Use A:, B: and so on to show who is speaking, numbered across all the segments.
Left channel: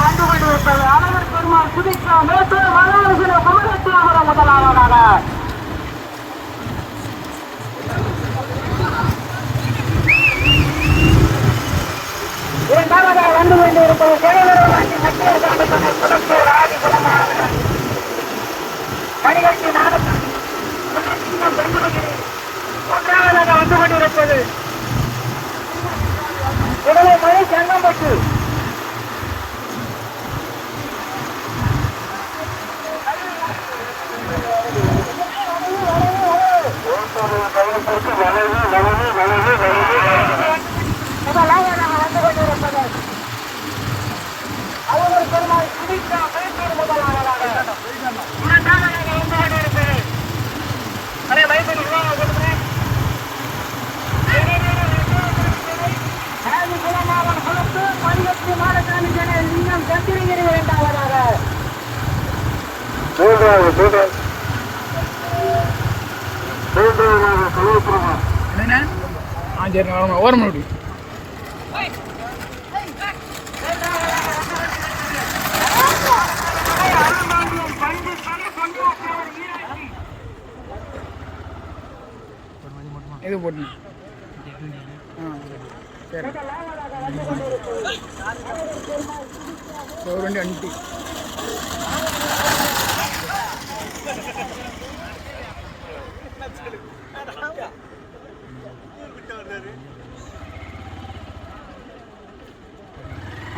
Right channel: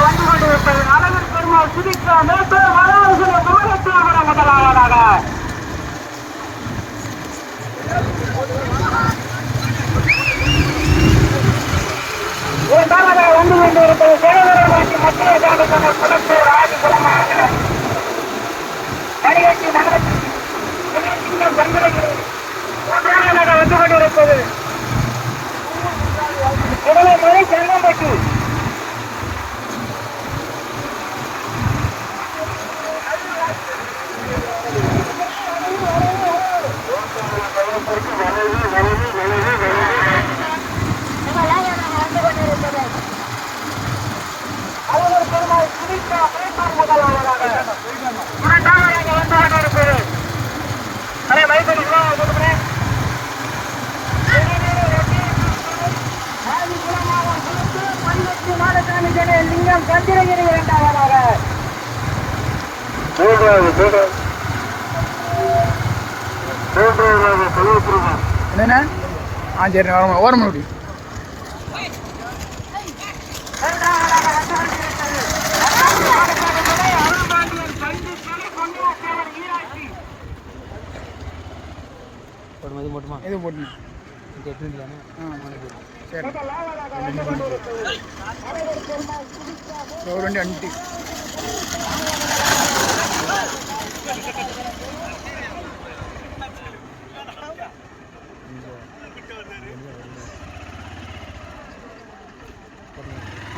A: வந்து கொண்டிருப்பது அழகர் பெருமாள் சுதிக்கா மேட்டூர் மகாவிஷ்ணு குமரத்தியாபுரம் முதலாவதாக இரண்டாவதாக வந்து கொண்டிருப்பது சிவபெருமானுக்கு மத்திய சாதன குளத்தூர் ராஜகுலமாக மணிகட்டி மாவட்டத்தில் சின்னம் பண்புகிறது மூன்றாவதாக வந்து கொண்டிருப்பது உடலை மணி செங்கம்பட்டு அவர் பெருமாள் குடித்த மைசூர் முதலாவதாக இரண்டாவதாக வந்து கொண்டிருப்பது அரை மைசூர் ஆதி குலமாவன் குலத்து பஞ்சத்து மாடசாமி ஜன லிங்கம் சந்திரகிரி இரண்டாவதாக மூன்றாவது மூன்றாவது
B: என்னென்ன? ஆ சரி ஓரமாக ஓரமாக விடு இது போட்டு சரி. ஒரு வண்டி அண்டி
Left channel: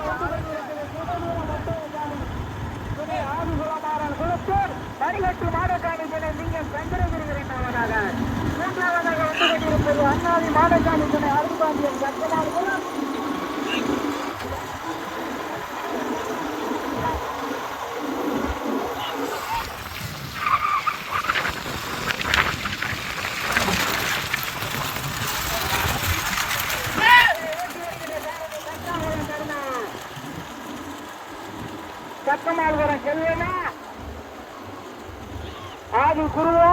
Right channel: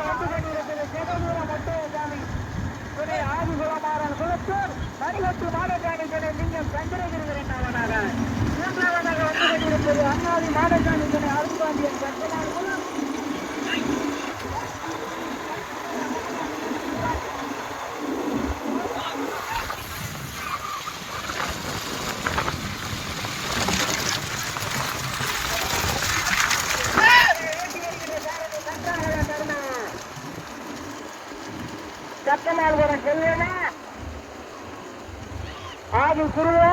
A: வந்து கொண்டிருப்பது சிவபுர மட்டோசாமி துணை ஆதிகுலமாறன் குலத்தூர் மணிகட்டு மாடசாமி துணை லிங்கம் சந்திரகிரி இரண்டாவதாக மூன்றாவதாக வந்து கொண்டிருப்பது அண்ணாதி மாடசாமி துணை அருள்பாண்டியன் சத்யநாள் குலம் சத்தமால்புரம் செல்வனா ஆதி குருவா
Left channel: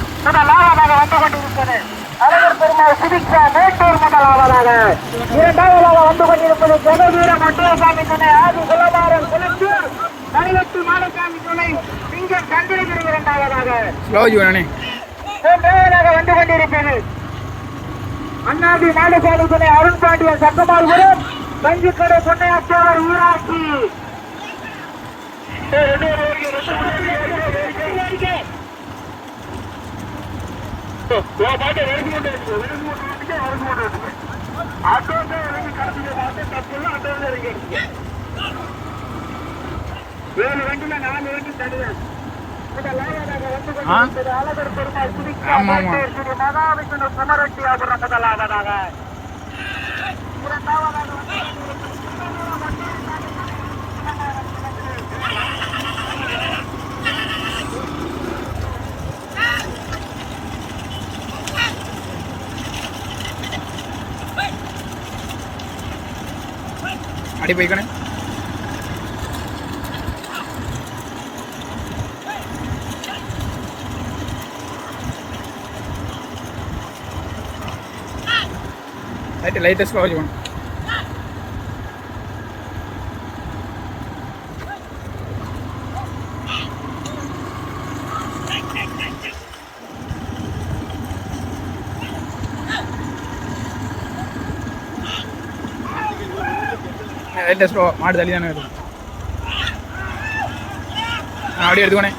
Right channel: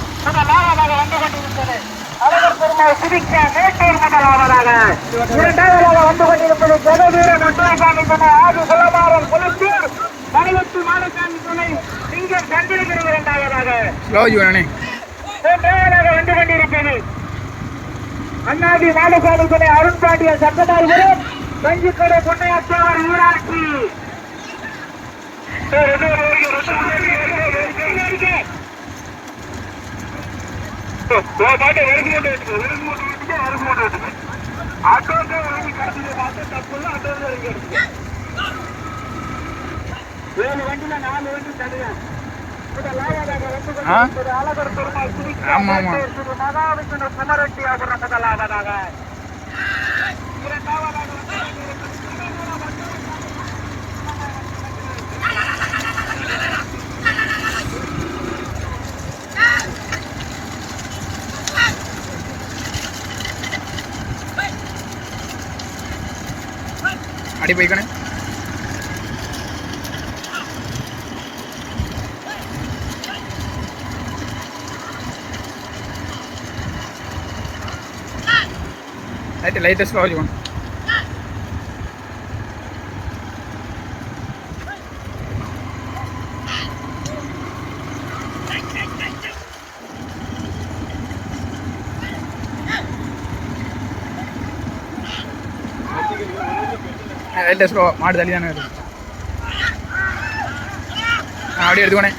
A: முதலாவதாக வந்து கொண்டிருப்பது இரண்டாவதாக வந்து கொண்டிருப்பது ஜெகவீர மண்டலசாமி துணை. ஆதி குலமாறன் துணை. சிங்கம் சந்திரகிரி இரண்டாவதாக. மூன்றாவதாக வந்து கொண்டிருப்பது அண்ணாதி மாடசாமி துணை. அருண் பாண்டியன் சக்கமால்புரம் பஞ்சுக்கடை பொன்னையாற்றவர் ஈராட்சி ஏழு வண்டியில நாலு வண்டி தனியார் முதலாவதாக வந்து
B: ஆ?
A: கொண்டிருப்பது அழகர் பெருமாள் திருச்சி
B: ஆமா, ஆமா.
A: ஸ்ரீ மகாவிஷ்ணு குமரட்டி அபுரம் முதலாவதாக இரண்டாவதாக
B: അടി പോയിക്കണേ ലൈറ്റ് ലൈറ്റസ്റ്റ് ஸ்லோ மாடு தள்ளி தானே இருக்கு அப்படியே எடுத்துக்கோனே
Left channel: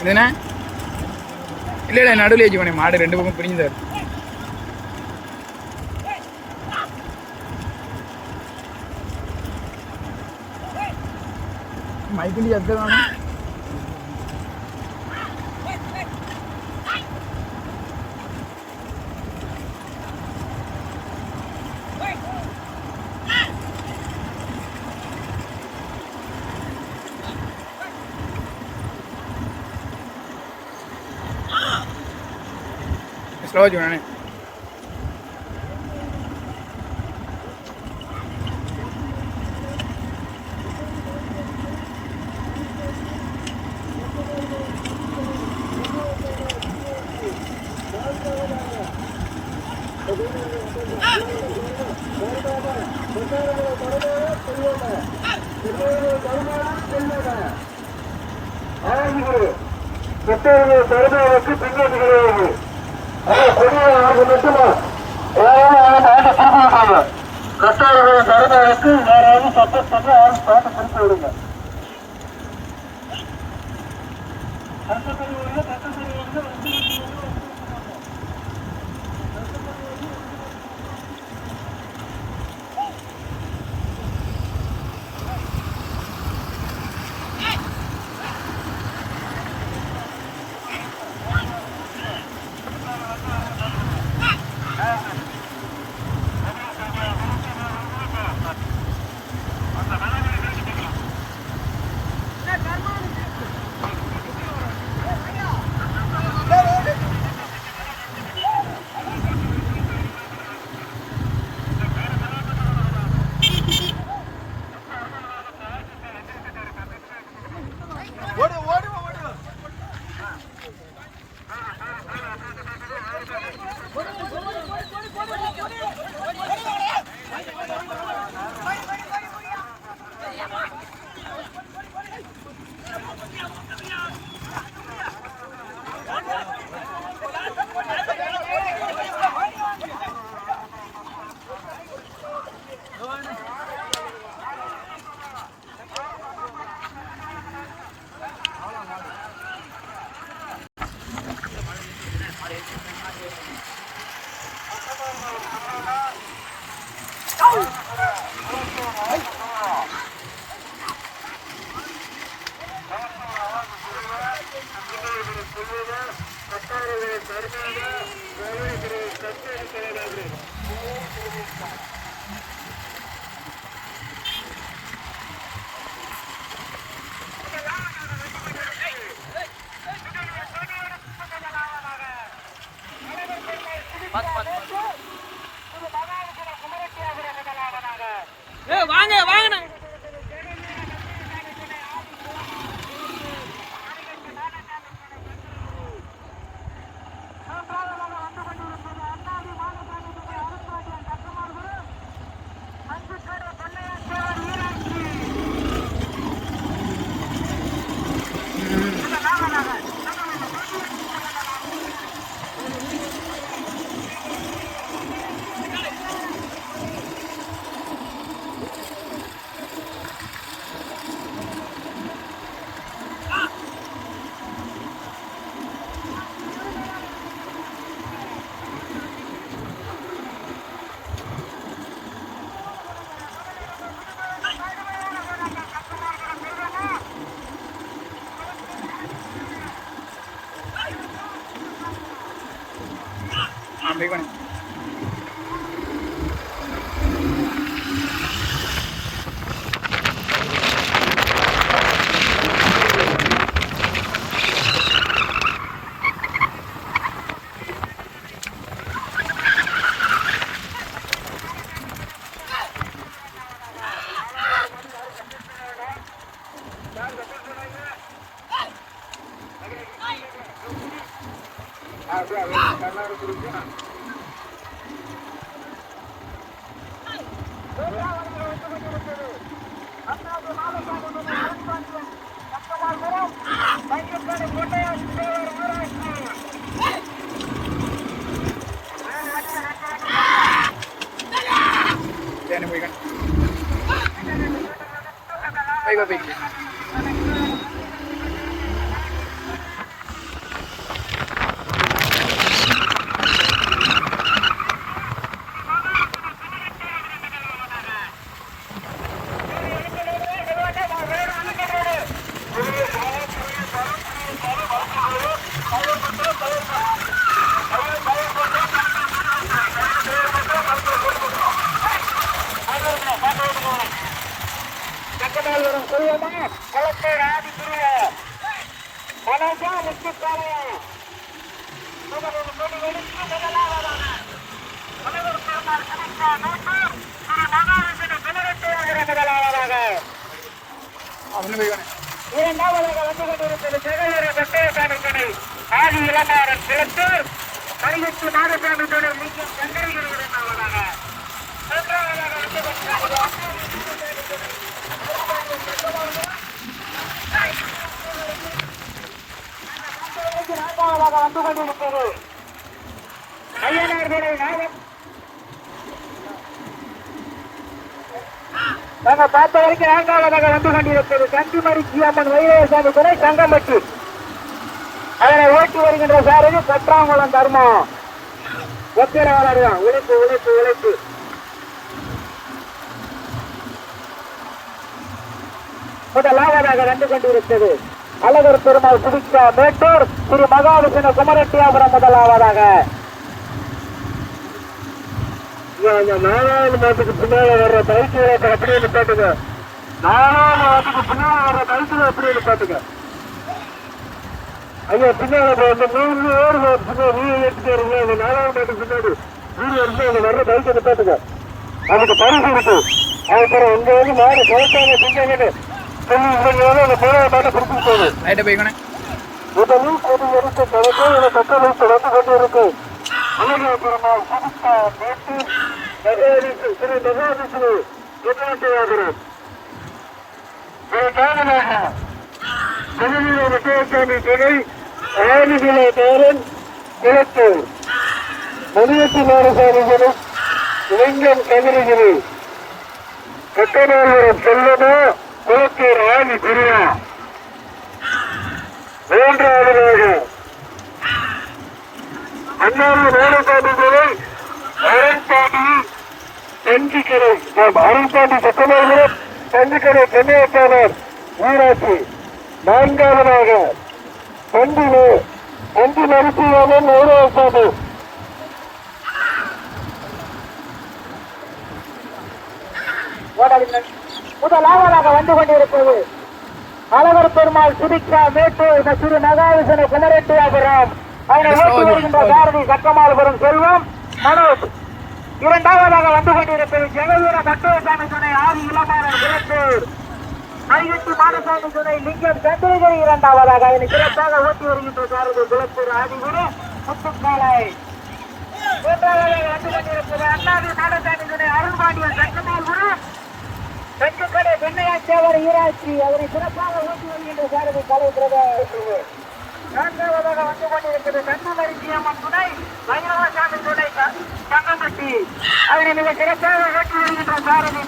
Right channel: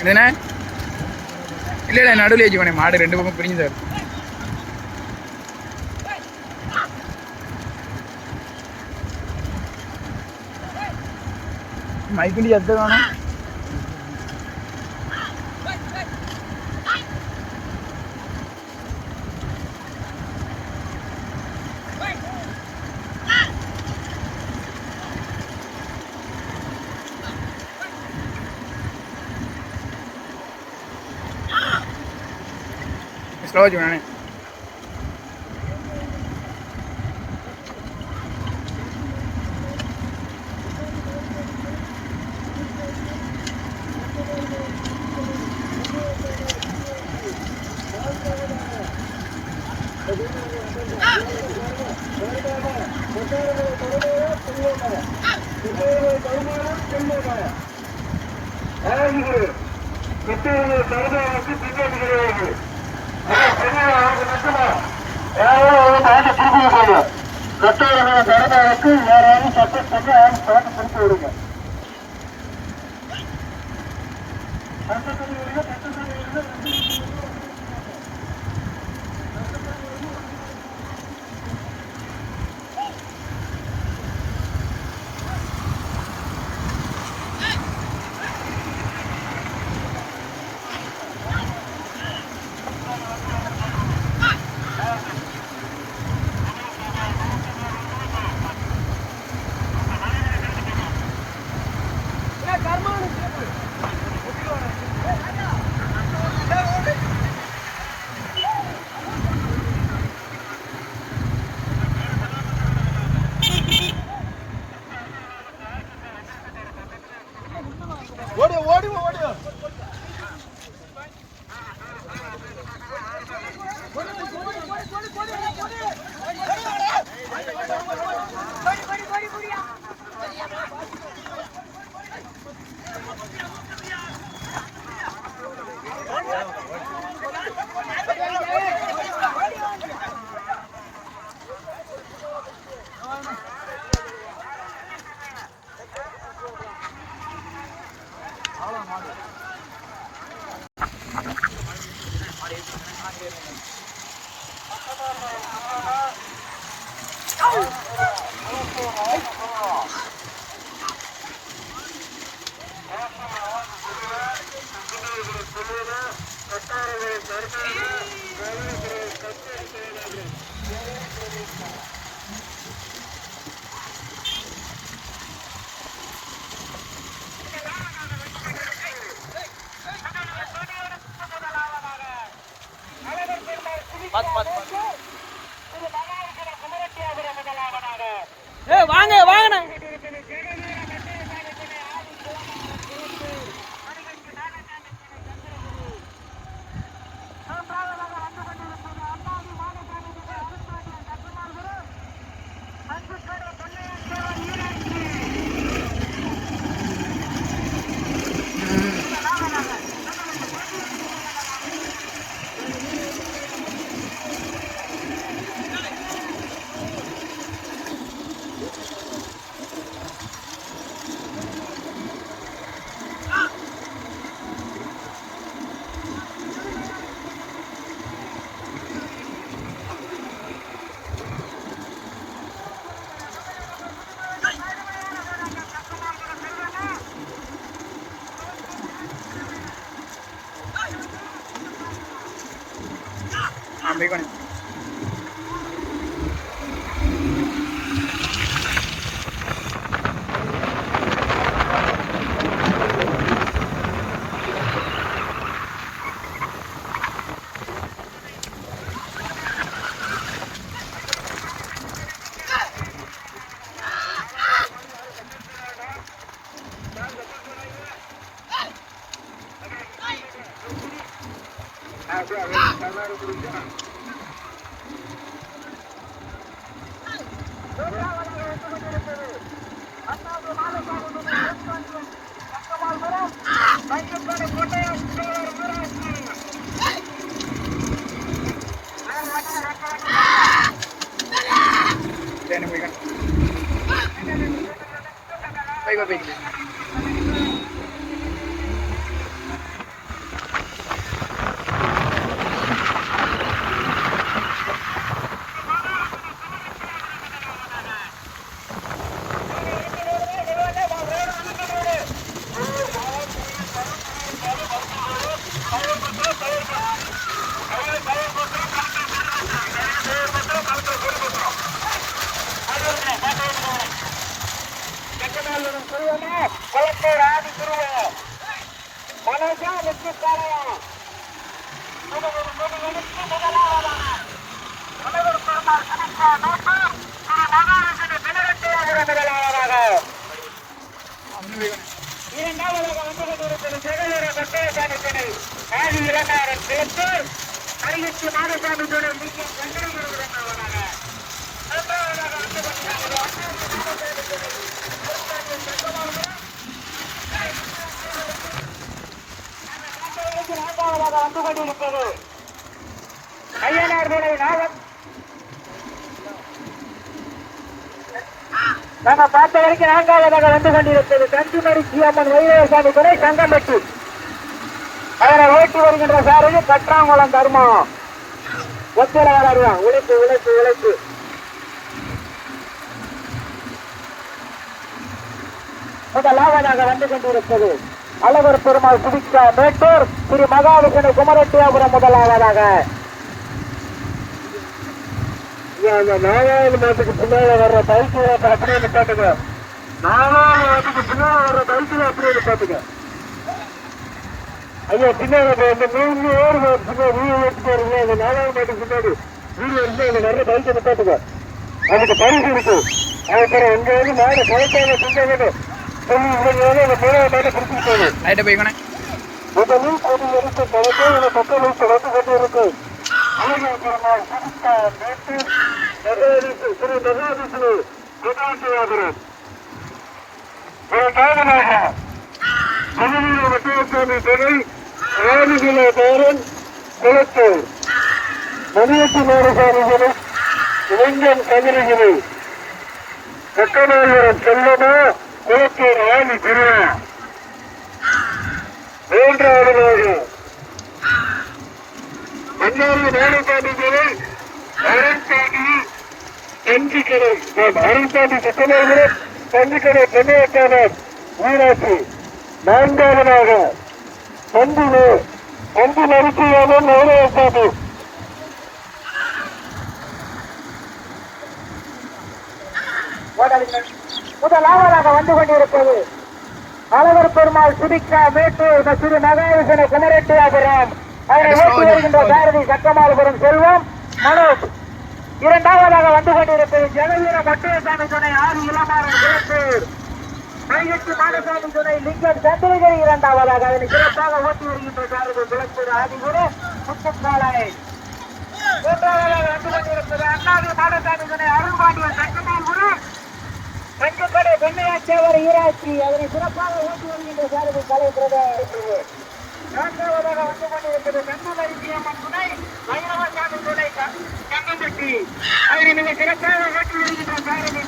B: என்னண்ணே? இல்லை இல்லை நடுவில் வச்சுக்கோனே மாடு ரெண்டு பக்கம் பிரிஞ்சு சார் மைக்கிண்டி சத்து வேணும் ஸ்லோ வச்சுக்கோனே
A: கட்டோடைய தருமாவுக்கு யாராவது சப்போர்ட் பண்ணி யாரும் பார்த்து திருப்பி விடுங்க
B: 没关系。போய் கொண்டு சரி போய் கொண்டு போய் போய் போய்
A: பக்கத்தால் தெரியுமா கிழக்கை ஆதி திருவ மனோஜா வெற்றி காலையா முதலொரு கொடி எடுத்து முதலாவதாக முதல்வர் பெருமாள் கணக்கா நோக்கு திரு மகாராஜனை பிளரட்டையாகிற முதலாவதாக
B: அவனு போய் கொண்டு
A: இரண்டாவதாக வந்து கொண்டிருப்பது சிவகங்கை வெட்டையசாமி துணை ஆதி இளமாறன் கிழத்தூர் கையெட்டு மாதசாமி துணை நீக்கம் சந்திரகிரி இரண்டாவதாக வந்து கொண்டிருப்பது ஐயனார் துணை நாங்க பார்த்த வரைக்கும் நான்காவதாக வந்து கொண்டிருப்பது கண்டிமரி ஜியம்மன் வைரவசாமி துணை சங்கம்பட்டி அதனை ஓட்டி வருகின்ற சாரதி கற்றாங்குளம் தர்மம் ஒத்திரவாளர் வளருவான் உழைப்பு உழைப்பு உழைப்பு. முதலாவதாக வந்து கொண்டிருக்கிறது. அழகர் பெருமாள் குதிக்க மேட்டூர். திரு மகாவிஷ்ணு குமரட்டியாபுரம் முதலாவதாக அந்த நாலாவது மாட்டுக்கு பின்னால வர்ற பைக்குகளை அப்படியே நிப்பாட்டுங்க. நாலாவது மாட்டுக்கு பின்னால வர்ற பைக்குகளை அப்படியே நிப்பாட்டுங்க. ஐயா பின்னால மூணு பேர் பின்னாடி வீடு எடுத்துட்டு வருங்க. அந்த நாலாவது மாட்டுக்கு பின்னாடி வீடு எடுத்து அந்த வர்ற பைக்கை நிப்பாட்டுங்க. அதுக்கு பரிசு இருக்கு அதுக்கப்புறம் உங்க வந்து மாடு குழந்தைங்க பின்னாடி சொல்லி இவங்க அந்த மூணாவது மாட்டை பிடிச்சிட்டு போகுது முதலில் கொடி எடுத்து கட்டளை தொடர்ந்து கொண்டிருக்கும். புதுக்கா நேற்று மகாவிஷ்ணு திரு மகாவிஷ்ணு குமாரத்தியாபுரம் ஒரு காதலாக மதுரை வெட்டசாமி துணை ஆதிகுல பேரன் குளத்தூர் மணியத்தி நாரசாமி இளைஞன் கதிரகிரி கட்டநாயகரம் செல்லமா குளத்தூர் ஆதி மூன்றாவதாக வேலைக்காட்டுகளை அருண்சாமி தஞ்சிக்கரை அருண்சாமி சட்டநாயகர் தஞ்சிக்கரை பெண்ணையத்தாளர் ஊராட்சி நான்காவதாக பண்டிலே பண்டி நரிசியாளன் நவரசாமி முதலாவதாக வந்து கொண்டிருப்பது அழகர் பெருமாள் சுதிக்கா மேட்டூர் இந்த திரு மகாவிஷ்ணு குமரட்டியாபுரம். அதனை ஓட்டி வருகின்ற சாரதி சக்கமாலபுரம் செல்வம். மனோஜ். இரண்டாவதாக வந்து கொண்டிருப்பது ஜெகவீர பட்டுவசாமி துணை ஆதி இளமாறன் குலத்தூர் கைகட்டி மாடசாமி துணை லிங்கம் சந்திரகிரி இரண்டாவதாக அதனை சிறப்பாக ஓட்டி வருகின்ற சாரதி குலத்தூர் ஆதிகுரு முத்துக்காலை மூன்றாவதாக வந்து கொண்டிருப்பது அண்ணாதி மாடசாமி துணை அருள்பாண்டியன் சங்கமால் குரு. தெற்குக்கடை பொன்னையாச்சேவர் ஈராட்சி அதனை சிறப்பாக ஓட்டி வருகின்ற சாரதி கலை பிரதமர் நான்காவதாக வந்து கொண்டிருப்பது கண்டுமரிசி அம்மன் துணை வைரவசாமி துணை தங்கப்பட்டி அதனை மிக சிறப்பாக வருகின்ற சாரதி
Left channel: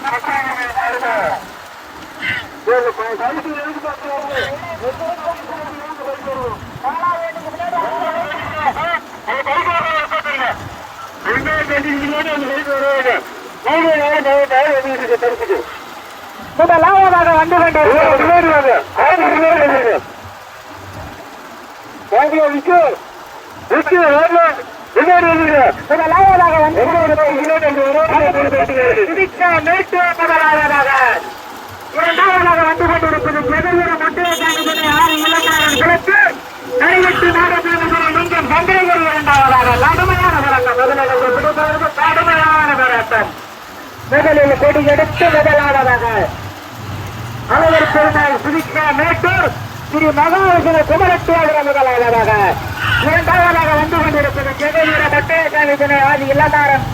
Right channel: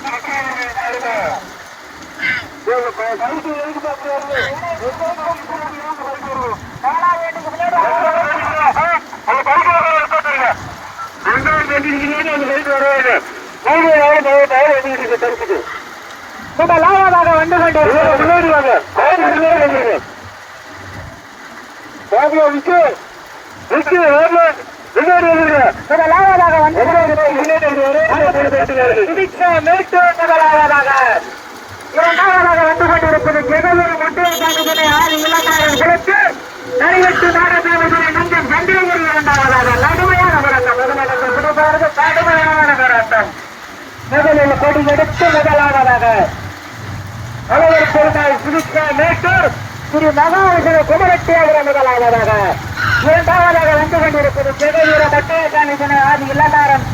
A: வந்து கொண்டிருக்கிறது விஜய் விஜய் முதலாவதாக வந்து சுபிக்ஷா மேட்டூர் முதலாவதாக. இரண்டாவதாக வந்து கொண்டிருப்பது ஜெகவூர் முட்டையசாமி துணை ஆறு இளமாறன் குளத்து நடிகட்டு நாடசாமி துணை சந்திரகிரி இரண்டாவதாக கடுமையான போராட்டம் முதலில் பிடிப்பவர்கள் கடுமையான போராட்டம் முதலில் கொடி எடுத்து முதலாவதாக. அனைவர் பெருமாள் சுபிக்ஷா மேட்டூர் ஸ்ரீ மகாவிஷ்ணு குமரத்தேவர முதலாவதாக இரண்டாவதாக வந்து கொண்டிருப்பது ஜெகவீர பட்டயசாமி துணை ஆதி இல்லதாரம்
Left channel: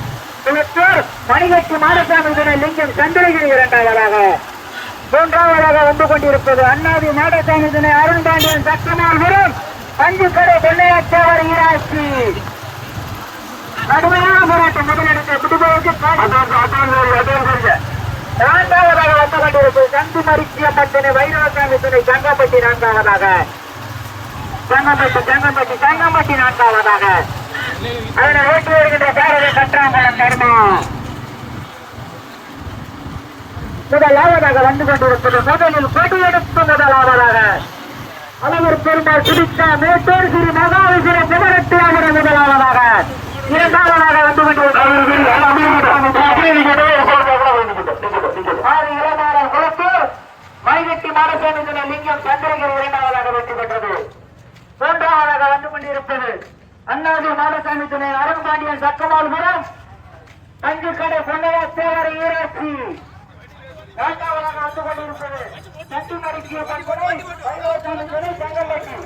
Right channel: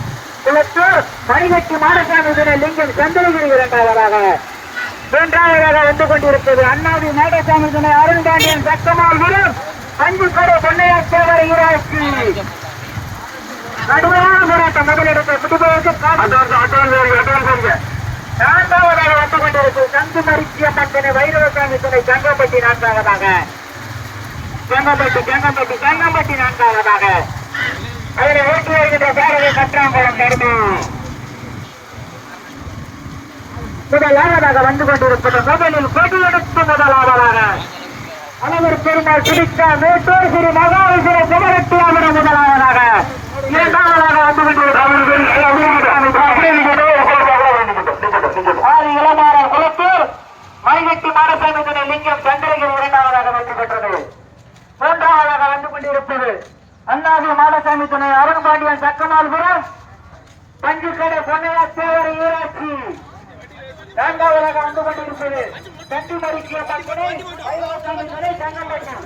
A: குளத்தூர் மணிகட்டி மாடசாமி துணை லிங்கம் சந்திரகிரி இரண்டாவதாக. மூன்றாவதாக வந்து கொண்டிருப்பது அண்ணாதி மாடசாமி துணை அருண்பாண்டியன் வரும் அஞ்சு கடை பொன்னையாச்சேவர் ஈராட்சி. கடுமையான போராட்டம் முதலிடத்தை குடும்பத்துக்கு நான்காவதாக வந்து கொண்டிருக்கும் சங்கு மரிச்சிய பத்தினை வைரவசாமி துணை சங்கப்பட்டி நான்காவதாக. சங்கம்பட்டி சங்கம்பட்டி சங்கம்பட்டி நான்காவதாக. அதில் ஓட்டி வருகின்ற பேரவை கற்றாங்குளம் தர்மம் முதலாவதாக வந்து கொண்டிருப்பது முதலில் கொடியெடுத்து முதலாவதாக. அலமர் பெருமாள் சுடித்தா மேட்டூர் ஸ்ரீ மகாவிஷ்ணு குமரத்தியாவிட முதலாவதாக. இரண்டாவதாக வந்து கொண்டிருப்பது ஆறு இளநாரர் குளத்தூர் மைவெட்டி மாடசாமி துணை லிங்கம் சந்திரகிரி இரண்டாவதாக வெற்றி பெற்றது. மூன்றாவதாக வந்து கொண்டிருப்பது அண்ணாதி மாடசாமி துணை அருண்பாண்டியன் சக்கமால்புரம் பஞ்சுக்கடை பொன்னையா சேவர ஈராட்சி நான்காவதாக வந்து கொண்டிருப்பது தட்டு மறுக்கிய பட்டனை வைரவசாமி துணை செங்கம்பட்டி